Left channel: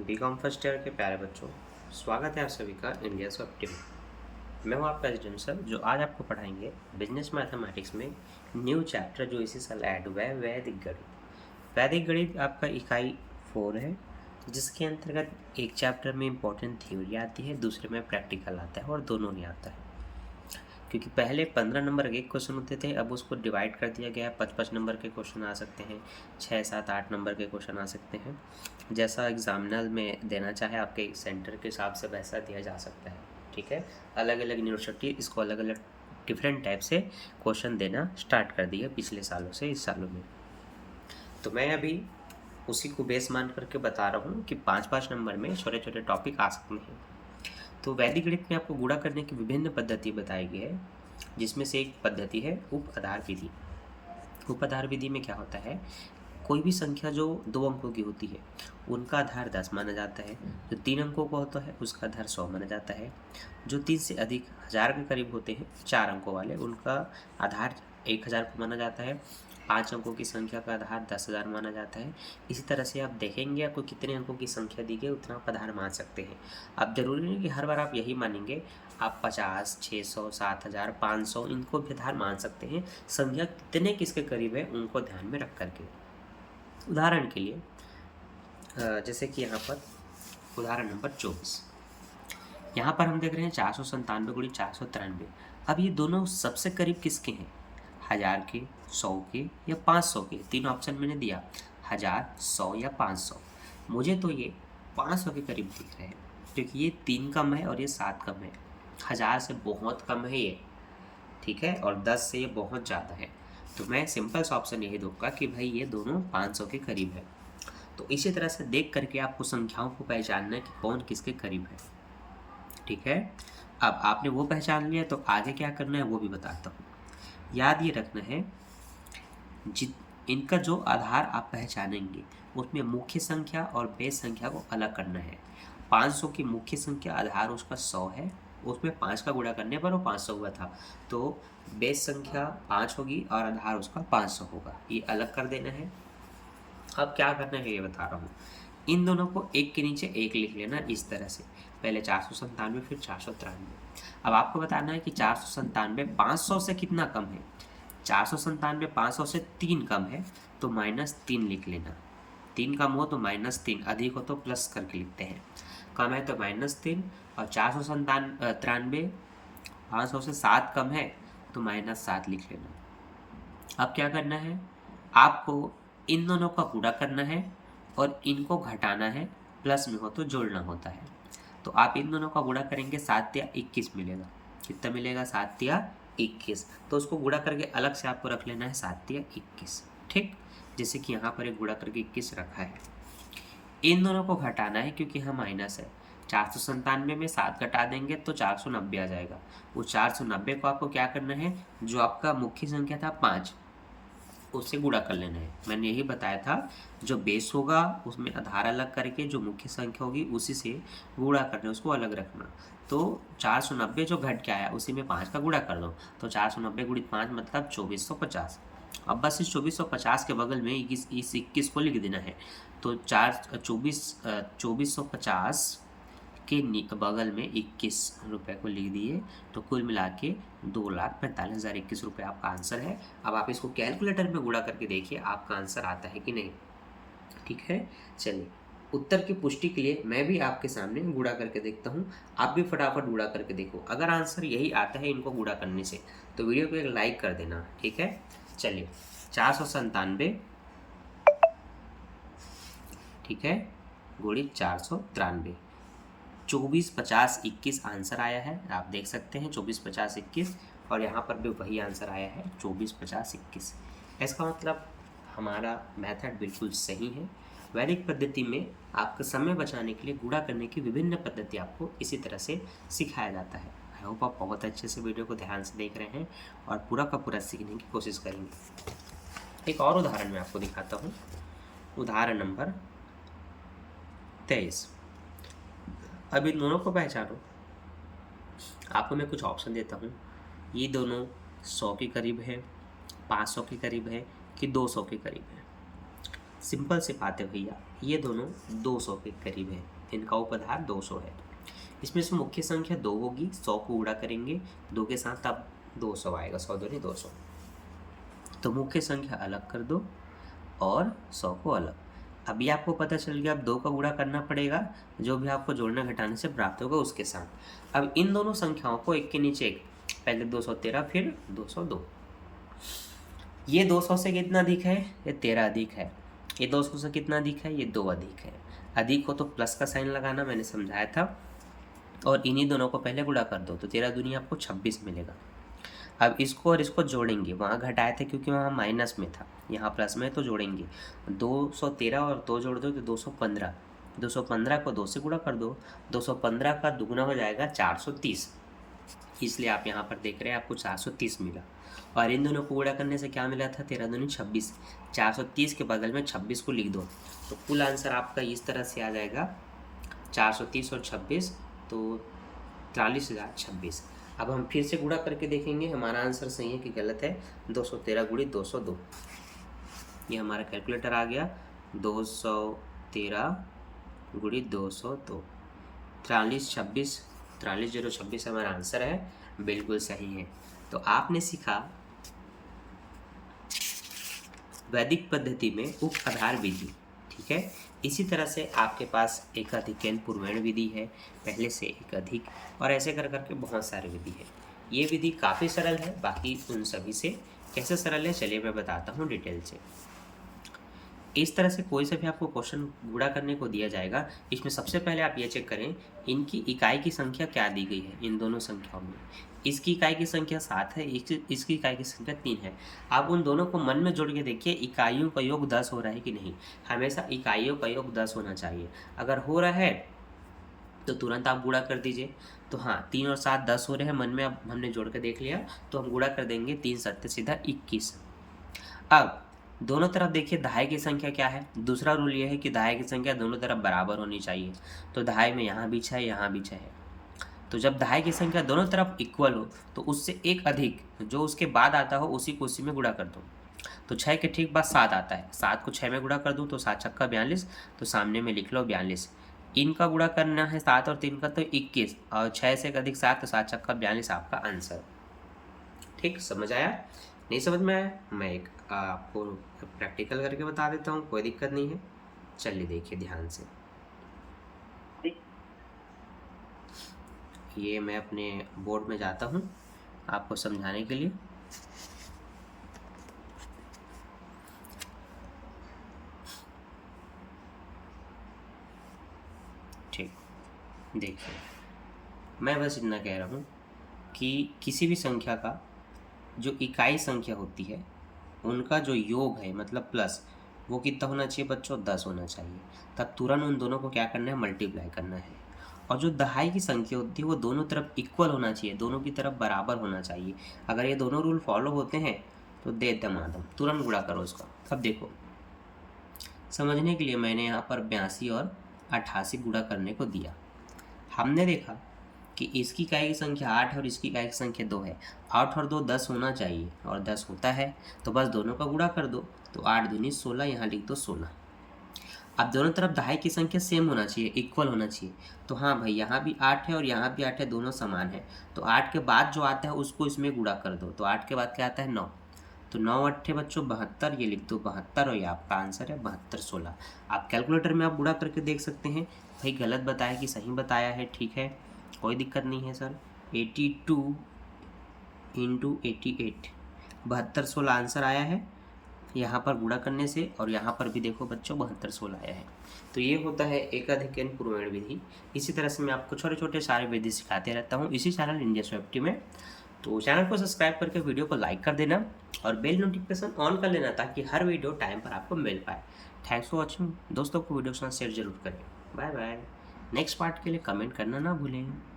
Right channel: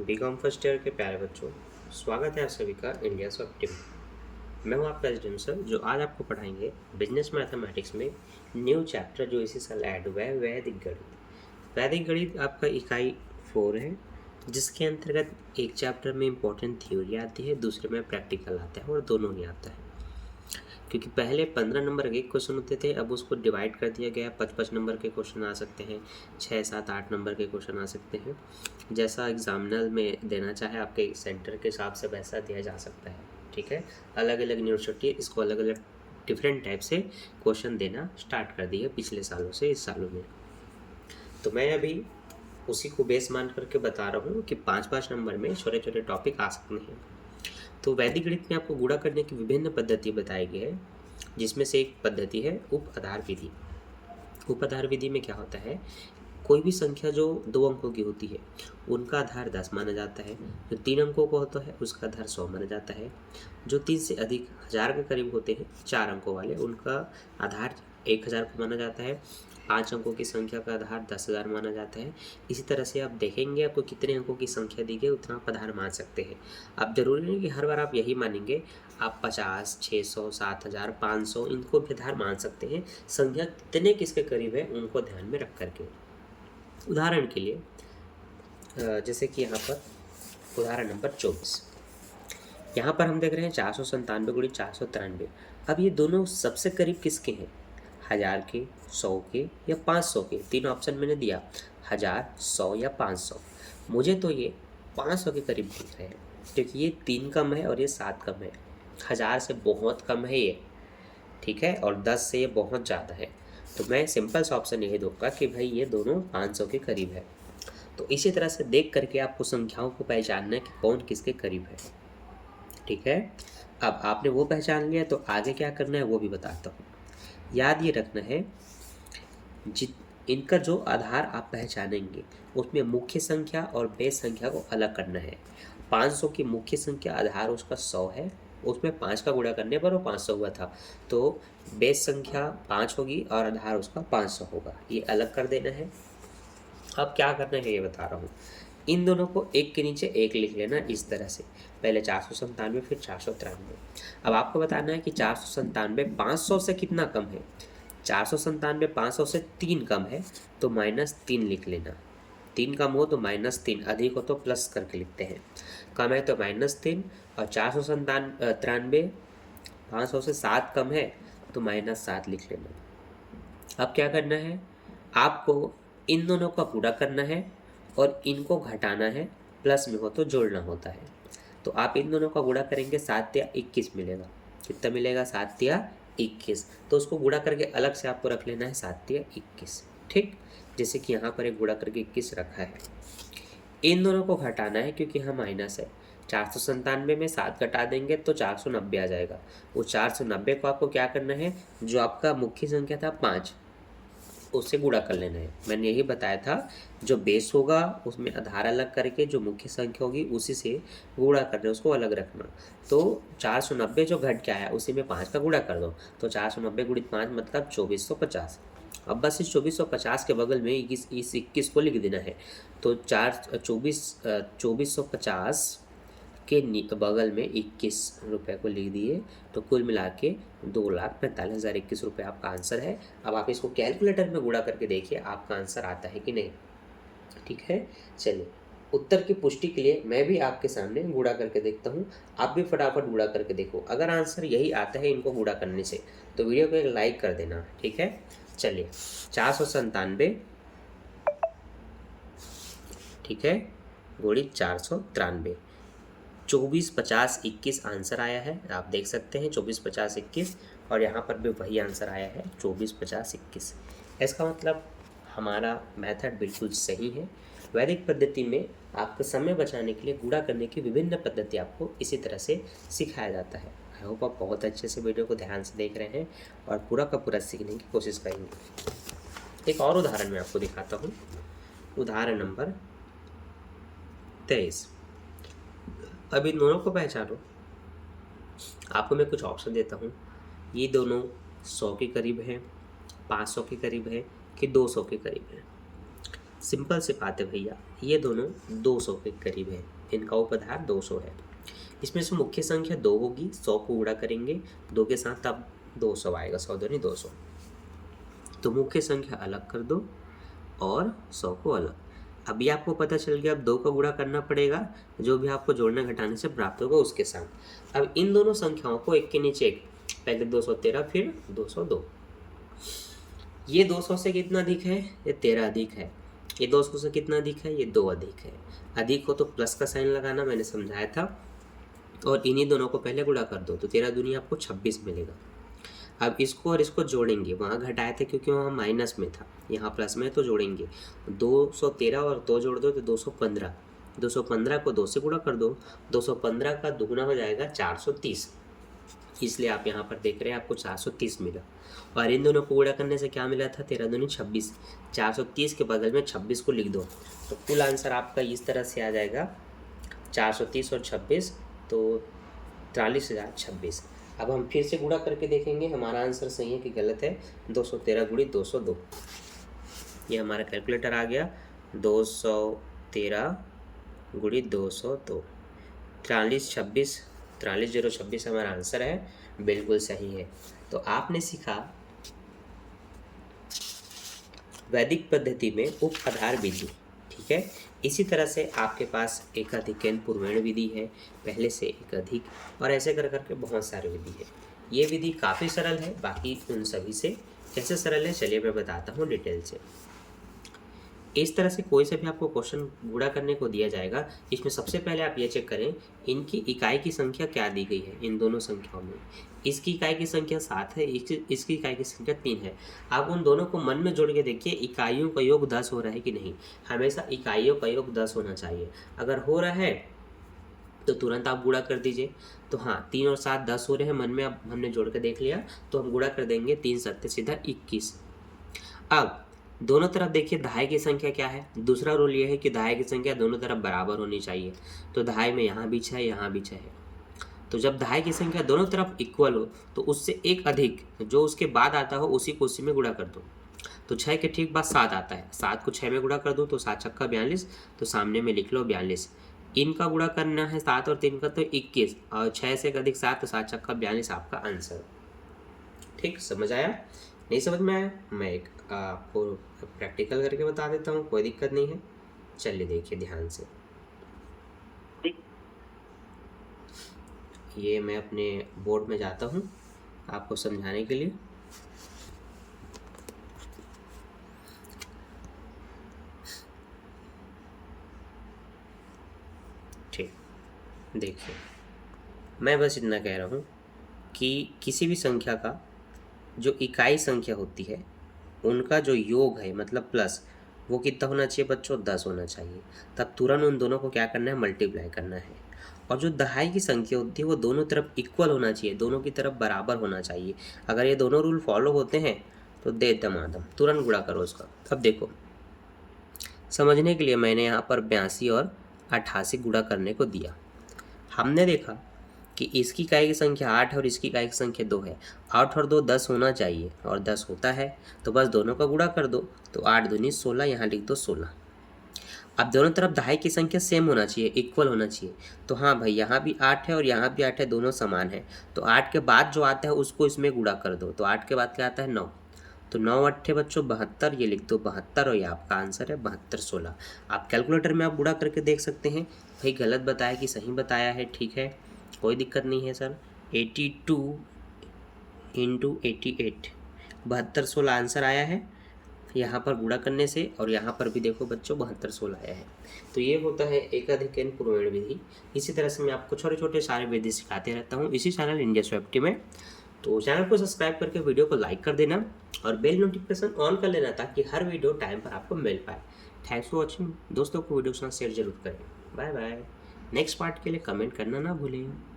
BCom first year के प्यारे बच्चों, स्वागत है आप सभी का इंडिया सॉफ्ट में। मैं हूं आपका एसडीएम सर, जो आज आपको पढ़ाएंगे बिजनेस मैथमेटिक्स में न्यू चैप्टर जो इसी साल ऐड हुआ है, वैदिक गणित। वैदिक गणित आपका इकाई 4 है, जिसके अंतर्गत एक चैप्टर में इंपॉर्टेंट थ्योरी आती है, दूसरे में प्रैक्टिकल आता है और दोनों ही आता है। क्योंकि पहले 15 नंबर के क्वेश्चन होते थे, अब उसको डिवाइड कर दिया गया है। 55 नंबर के क्वेश्चन आ सकते हैं, 6, 7, 8 नंबर के क्वेश्चन आ सकते हैं। जैसा एग्जामिनर में देना चाहे आपके सेंटर के हिसाब से वैसा दिया जा सकता है। ठीक है, अलग अलग यूनिवर्सिटी इसको अलग अलग डिफरेंट टाइप से क्वेश्चन देना स्टार्ट कर दी है पिछले सालों से इस सालों में। तो मैं अभी उसी को बेस मान करके बता रहा हूँ कि 5-5 नंबर में छोटे छोटे टॉपिक आ सकते हैं। तो वैदिक गणित में आपको गुणा करने की विभिन्न पद्धति बताई गई है, जिसमें से एक पद्धति है उप आधार विधि। उप आधार विधि में क्या होता है, कोई भी संख्या जो 2 अंकों की होती है उनका आधार 10 माना जाता है। जो 3 अंकों का होता है उसका आधार 100 माना जाता है। जो 3 से अधिक 1000 के करीब होते हैं 4 अंकों वाले, उनका आधार 1000 को माना जाता है। 5 अंकों की संख्या का आधार 10,000 माना जाता है। इसी तरह से आप देखेंगे आपको कितने अंकों की संख्या दी गई उतना आप आधार मान सकते हैं। अब जरूरी नहीं कि हर बार आप यही मानेंगे, आप 50, 600, 7000, 500 इनको भी आधार मान सकते हैं। संख्या कितने किसके करीब है उनको ध्यान में रख करके। उदाहरण के लिए जैसे कि यहाँ पर उदाहरण नंबर 24, यहाँ पर हम देख रहे हैं 497 गुणित 493। अब ये दोनों सबसे करीब किसके हैं, 1000 के, 100 के या 500 के। 3 ऑप्शन मैंने दिया, 1000, 100 या 500। मुझे तो ये 500 के करीब दिख रहे हैं, क्योंकि ये 3 कम है और ये 7 कम है। 1000 से बहुत कम है ये, ठीक है, और 10 से ये बहुत ज़्यादा है। तो मैं सिंपल सा ऑप्शन यही दूंगा कि भाई ये दोनों 500 के करीब है। तो इसी तरह से देख करके आपको संख्याओं को पहचानना है कि कौन किसके करीब है। ठीक है, अब आपने वो पहचान लिया तो आगे क्या करना है वो भी बताता हूँ। याद ये रखना है, इनका जो आधार आप पहचानेंगे उसमें मुख्य संख्या और बेस संख्या को अलग करना है। 500 की मुख्य संख्या आधार उसका 100 है, उसमें 5 का गुणा करने पर वो 500 हुआ था, तो बेस संख्या 5 होगी और आधार उसका 500 होगा। ये अलग कर देना है। अब क्या करना है ये बता रहा हूँ। इन दोनों को एक के नीचे एक लिख लेना इस तरह से, पहले 497 फिर 493। अब आपको बताना है कि 497 500 से कितना कम है। 497 500 से 3 कम है, तो -3 लिख लेना। 3 कम हो तो -3, अधिक हो तो प्लस करके लिखते हैं। कम है तो -3, और 493 500 से 7 कम है तो -7 लिख लेना। अब क्या करना है, आपको इन दोनों का गुणा करना है और इनको घटाना है, प्लस में हो तो जोड़ना होता है। तो आप इन दोनों का गुणा करेंगे, 7 या 21 मिलेगा। कितना मिलेगा, 7 या 21। तो उसको गुणा करके अलग से आपको रख लेना है 7 या 21। ठीक, जैसे कि यहाँ पर एक गुणा करके 21 रखा है। इन दोनों को घटाना है क्योंकि यहाँ माइनस है। 497 में 7 घटा देंगे तो 490 आ जाएगा। वो 490 को आपको क्या करना है, जो आपका मुख्य संख्या था 5, उससे गुणा कर लेना है। मैंने यही बताया था, जो बेस होगा उसमें आधार अलग करके जो मुख्य संख्या होगी उसी से गुणा करना, उसको अलग रखना। तो 490 जो घट के आया उसी में 5 का गुणा कर दो, तो 490 गुणित 5 मतलब 2450। अब बस इस 2450 के बगल में इस 21 को लिख देना है। तो 2450 के बगल में 21 रुपये को लिख दिए, तो कुल मिला के 2,45,021 रुपये आपका आंसर है। अब आप इसको कैलकुलेटर में गुणा करके देखिए आपका आंसर आता है कि नहीं। ठीक है, चलिए उत्तर की पुष्टि के लिए मैं भी आपके सामने गुणा करके देखता हूँ। आप भी फटाफट गुणा करके देखो, अगर आंसर यही आता है इनको गुणा करने से तो वीडियो को एक लाइक कर देना। ठीक है, चलिए 497, ठीक है, गुणित 493, 24, 50, 21 आंसर आया है। आप देख सकते हैं 24, 50, 21, और यहाँ पर भी वही आंसर आया है 24, 50, 21। इसका मतलब हमारा मेथड बिल्कुल सही है। वैदिक पद्धति में आपका समय बचाने के लिए गुणा करने की विभिन्न पद्धति आपको इसी तरह से सिखाया जाता है। आई होप आप बहुत अच्छे से वीडियो को ध्यान से देख रहे हैं और पूरा का पूरा सीखने की कोशिश करेंगे। एक और उदाहरण मैं आपको दिखाता हूँ, उदाहरण नंबर 23। अब इन दोनों को पहचानो। आपको मैं कुछ ऑप्शन देता हूँ, ये दोनों 100 के करीब है, 500 के करीब है कि 200 के करीब है। सिंपल सी बात है भैया, ये दोनों 200 के करीब है, इनका उपधार 200 है। इसमें से मुख्य संख्या 2 होगी, 100 को गुणा करेंगे 2 के साथ, तब 200 आएगा, 100 दूनी 200। तो मुख्य संख्या अलग कर दो और 100 को अलग। अभी आपको पता चल गया, अब 2 का गुणा करना पड़ेगा, जो भी आपको जोड़ने घटाने से प्राप्त होगा उसके साथ। अब इन दोनों संख्याओं को एक के नीचे एक, पहले 213 फिर 202। ये 200 से कितना अधिक है? ये 13 अधिक है। ये 200 से कितना अधिक है? ये 2 अधिक है। अधिक हो तो प्लस का साइन लगाना, मैंने समझाया था। और इन्हीं दोनों को पहले गुणा कर दो, तो 13 दूनी आपको 26 मिलेगा। अब इसको और इसको जोड़ेंगे, वहाँ घटाए थे क्योंकि वहाँ माइनस में था, यहाँ प्लस में, तो जोड़ेंगे 213 और 2 जोड़ दो तो 215। 215 को 2 से गुणा कर दो, 215 का दुगुना हो जाएगा 430, इसलिए आप यहाँ पर देख रहे हैं आपको 430 मिला। और इन दोनों को गुणा करने से क्या मिला था? 13 दूनी 26। 430 के बगल में 26 को लिख दो, तो कुल आंसर आपका इस तरह से आ जाएगा 430 और 26, तो 43,026। अब हम फिर से गुणा करके देखेंगे हमारा आंसर सही है कि गलत है। 213 गुणी 202, ये हमारा कैलकुलेटर आ गया। 213 गुणी 202, 43,026 हमारा आंसर है, बिल्कुल सही है। तो आपने सीखा वैदिक पद्धति में उपआधार विधि, ठीक है। इसी तरह से आपके पास एक अधिकन पूर्वेण विधि है, पहले से एक अधिक, और ऐसे कर करके बहुत सारे विधि है। ये विधि काफ़ी सरल है, बाकी उन सभी से कैसे सरल है चलिए मैं बताता हूँ डिटेल से। इस तरह से कोई से भी आपको क्वेश्चन गुणा करने को दिया जाएगा, इसमें सबसे पहले आप ये चेक करें इनकी इकाई की संख्या क्या दी गई है। इन दोनों संख्याओं में इसकी इकाई की संख्या 7 है, इसकी इकाई की संख्या 3 है। आप उन दोनों को मन में जोड़ के देखिए इकाइयों का योग 10 हो रहा है कि नहीं। हमेशा इकाइयों का योग 10 होना चाहिए। अगर हो रहा है तो तुरंत आप गुणा कर दीजिए। तो हाँ, 3 और 7 10 हो रहे हैं, मन में अब हमने जोड़ के देख लिया, तो हम गुणा कर देंगे। 3 7 सीधा 21। अब दोनों तरफ देखिए दहाई की संख्या क्या है। दूसरा रूल ये है कि दहाई की संख्या दोनों तरफ बराबर होनी चाहिए। तो दहाई में यहाँ भी 6 है, यहाँ भी 6 है। तो जब दहाई की संख्या दोनों तरफ इक्वल हो तो उससे एक अधिक जो उसके बाद आता हो उसी को उसी में गुणा कर दो। तो 6 के ठीक बाद 7 आता है, 7 को 6 में गुणा कर दूँ तो 7 छक्का 42, तो सामने में लिख लो 42। इनका गुणा करना है 7 और 3 का, तो 21, और 6 से अधिक 7, तो 7 छक्का 42 आपका आंसर। ठीक, समझ आया? नहीं समझ में आया? मैं एक आपको प्रैक्टिकल करके बता देता हूँ, कोई दिक्कत नहीं है। चलिए देखिए ध्यान से, ये मैं अपने बोर्ड में जाता हूँ आपको समझाने के लिए। ठीक, देखिए मैं बस इतना कह रहा हूँ कि किसी भी संख्या का जो इकाई संख्या होती है उनका जो योग है मतलब प्लस, वो कितना होना चाहिए बच्चों? 10 होना चाहिए। तब तुरंत उन दोनों को क्या करना है? मल्टीप्लाई करना है। और जो दहाई की संख्या होती है वो दोनों तरफ इक्वल होना चाहिए, दोनों की तरफ बराबर होना चाहिए। अगर ये दोनों रूल फॉलो होते हैं तो दे दमादम तुरंत गुणा करो उसका। अब देखो, समझने के लिए मैंने यहाँ पर 82 और 88 गुणा करने को दिया। हमने देखा कि इसकी इकाई की संख्या 8 है और इसकी इकाई की संख्या 2 है। 8 और 2 10 होना चाहिए, और 10 होता है, तो बस दोनों का गुणा कर दो। तो 8 दूनी 16, यहाँ लिख दो 16। अब दोनों तरफ दहाई की संख्या सेम होना चाहिए, इक्वल होना चाहिए। तो हाँ भाई, यहाँ भी 8 है और यहाँ भी 8 है, दोनों समान है। तो 8 के बाद जो आता है उसको इसमें गुणा कर दो। तो 8 के बाद क्या आता है? 9। तो 9 8 बच्चों 72, ये लिख दो 72, और ये आपका आंसर है 72 16। आप कैलकुलेटर में आप गुणा करके देख सकते हैं भाई गलत बताया कि सही बताया है। ठीक है, कोई दिक्कत नहीं है सर। 82 × 88, 72 16 आंसर आया है यहाँ पर गुणा करने से, और यहाँ पर भी देखो बच्चों 72 16 आया है। तो ये होता है एकाधिकन पूर्वेण विधि। इसी तरह से मैं आपको छोटे छोटे सारे विधि सिखाते रहता हूँ इसी चैनल इंडिया स्वैप्टी में। तो चैनल को सब्सक्राइब करके वीडियो को लाइक कर देना और बेल नोटिफिकेशन ऑन कर लेना ताकि हर वीडियो टाइम पर आपको मिल पाए। Thanks for watching. दोस्तों को वीडियो के साथ शेयर जरूर करें। Bye bye. नेक्स्ट पार्ट के लिए कमेंट करना ना भूलें।